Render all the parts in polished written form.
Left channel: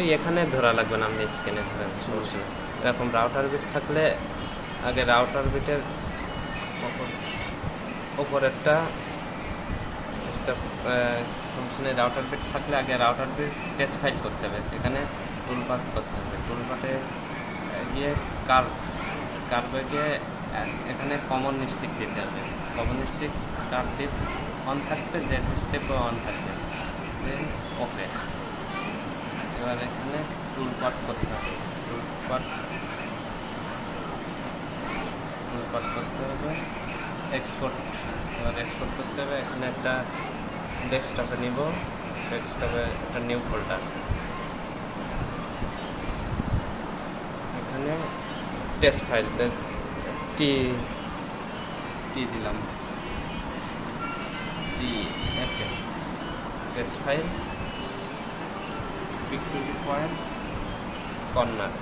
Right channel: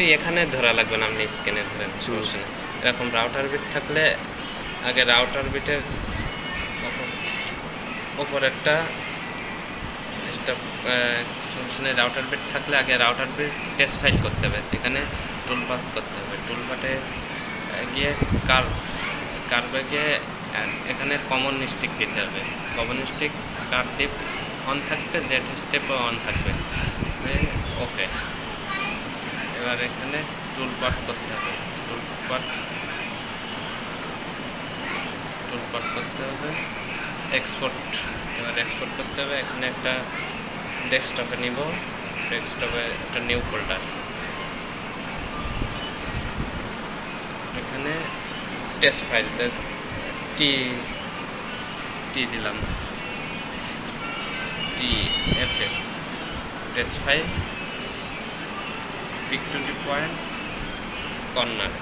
ওই এখানে ধরা লাগবে না, আপনি স্ক্যানে ধরেন, সমস্যা নেই। এরকম রাউটার বিট থাকলে আগে রাউটার বিটের ওপর একটা স্টপ, সমস্যা নেই। রাউটার বিট থাকলে আগে রাউটার বিট টেস্ট ফাইল করতে হবে, এখানে টুলপাথ করতে হবে। টুলপাথে গিয়ে কার্ভে গিয়ে এখানে কমন স্টিক দিতে হবে। Common stick car deep on থাকবে, জেড স্টেপও অন থাকবে। ওকে, এবার এখানে টুলপাথ করতে হবে। টুলপাথ করতে হবে, এক্সপোর্ট। এবার এক্সপোর্ট করতে হবে। এখানে একটা ডেস্কটপে নিব, ডেস্কটপে একটা নিউ ফোল্ডার, এখানে টেস্ট ফাইল টি দিলাম, TFF test file, pick to the point, corner.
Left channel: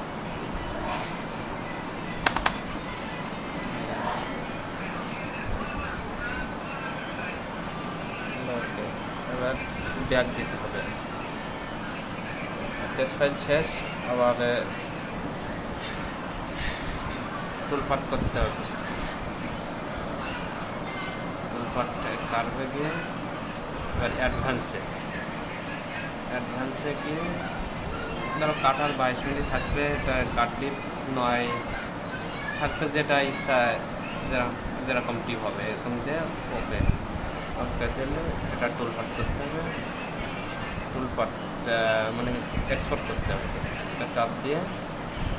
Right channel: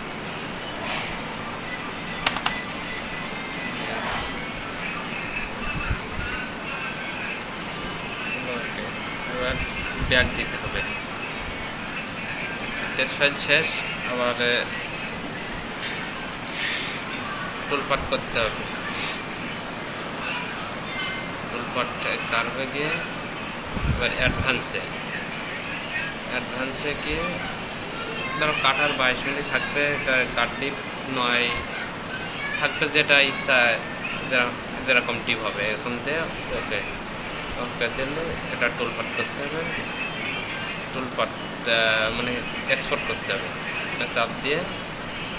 Okay, এবার ব্যাক দিতে হবে। টেস্ট ফাইল শেষ, আবার টুলপাথ করতে হবে। টুলপাথ কার্ভে গিয়ে এবার অ্যাডভান্সে গিয়ে ধরো কাটার 22 মিনিট থাকবে, কাট ডিপ 9 থাকবে, যেটা ইচ্ছা যেরকম টিপ হবে এরকম দিয়ে ওকে দিলে এটা টুলপাথ করতে হবে। টুলপাথ মানে এক্সপোর্ট করতে হবে, চাপ দিয়ে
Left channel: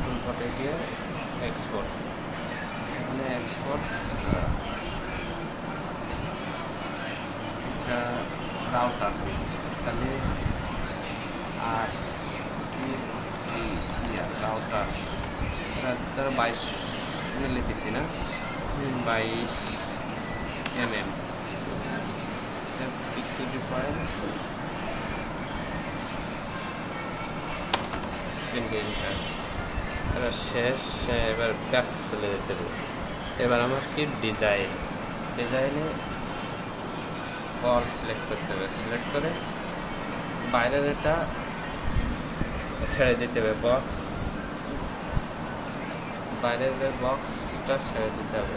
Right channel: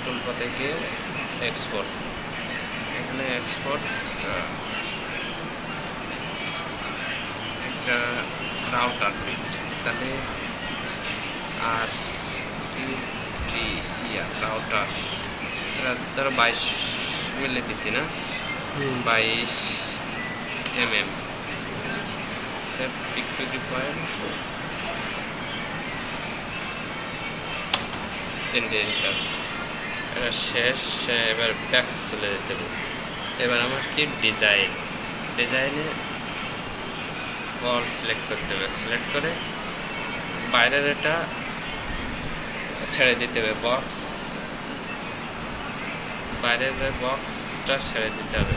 টুলপাথে গিয়ে এক্সপোর্ট। এখানে এক্সপোর্ট রাউটার বিট, তাহলে আর রাউটার ধরো 22 মিলি দিছি না, 22 mm, pick to the point, এবার শেষ। এবার ব্যাক চলে যেতে হবে। এবার আমার কি ডিজাইনে বল সিলেক্ট করতে হবে। সিলেক্ট করে বাইরের এটা ছেড়ে দিতে হবে, বাইরের বক্সটা ছেড়ে দিতে হবে।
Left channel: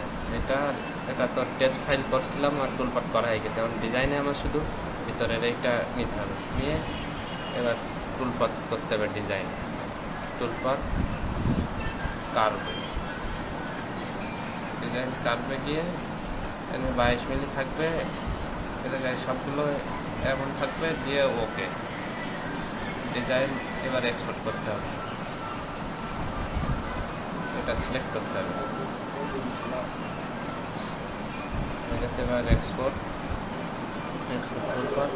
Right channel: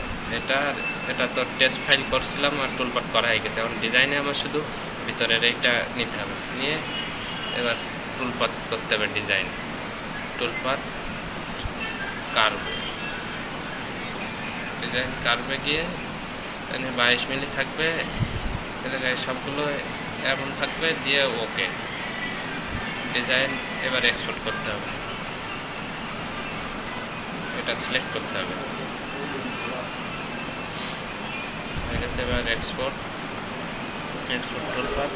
এটা তো টেস্ট ফাইল করছিলাম আর টুলপাথ করা হয়ে গেছে। এখন ডিজাইনে আমার শুধু ভিতরের এইটা নিতে হবে, নিয়ে এবার টুলপাথ করতে হবে। টুলপাথ ডিজাইন কার্ভে গিয়ে এখানে 22 মিলি থাকবে, সবগুলো এমন থাকবে, দিয়ে ওকে ডিজাইন। এবার এক্সপোর্ট করতে হবে, এটা সিলেক্ট করতে হবে, ঠিক আছে। এবার এক্সপোর্ট টুলপাথ,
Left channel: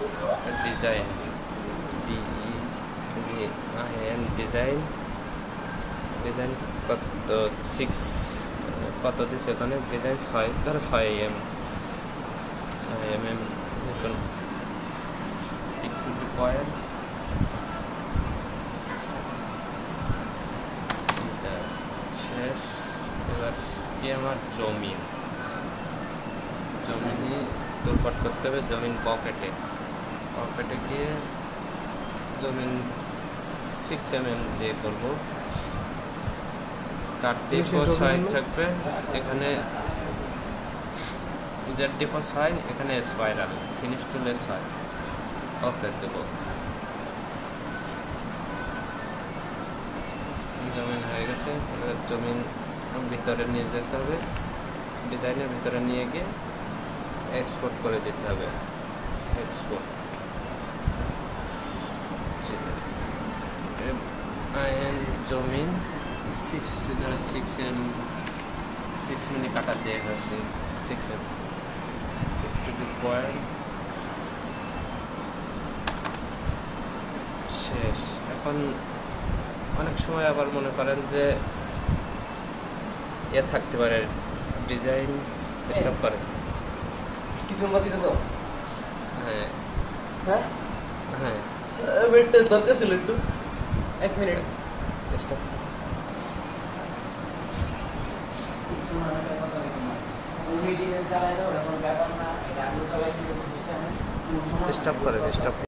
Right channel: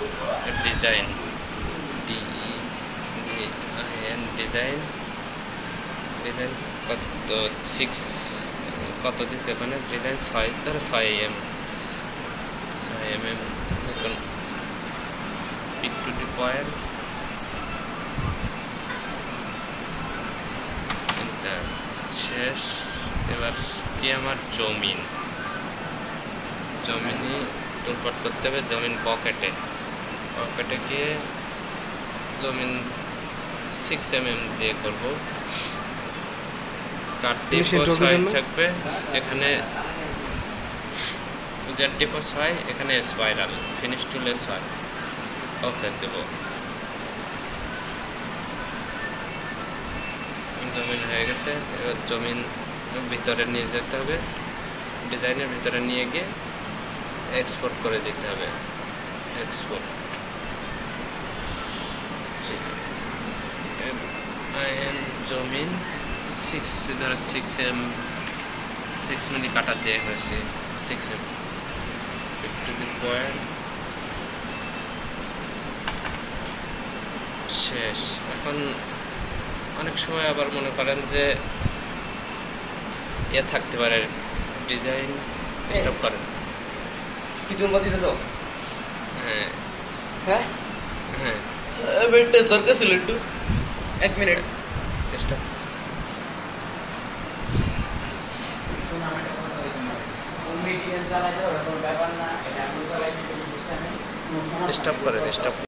ডিজাইন কত 6 কত দিচ্ছে ওখানে, ডিজাইন 6, ধরো 6 mm, pick to the point, শেষ। এবার কি আমার জমিন টুলপাথ করতে হবে। জমিন পকেটে গিয়ে জমিন 6 mm দিয়ে করবো। কাটটিপও 6 থাকবে, এখানে জেডটিপও 6, এখানে স্পাইরাল, ফিনিশ টুলে 6, ওকে দেব। জমিন হয়ে গেছে। এবার জমিন ভিতরে নিয়ে যেতে হবে, ডিজাইনের ভিতরে নিয়ে গিয়ে এক্সপোর্ট করে দিতে হবে। এক্সপোর্ট জমিন 6 মিলি কাটা দিয়ে হয়েছে, 6 mm, টু দি পয়েন্ট, শেষ। এখন অনেক সময় আবার মনে করেন যে থাকতে পারে, ডিজাইন স্টপ করেন। হ্যাঁ দরকার ছিল একটু, 1 মিনিট স্টপ। স্টপ করেন, স্টপ।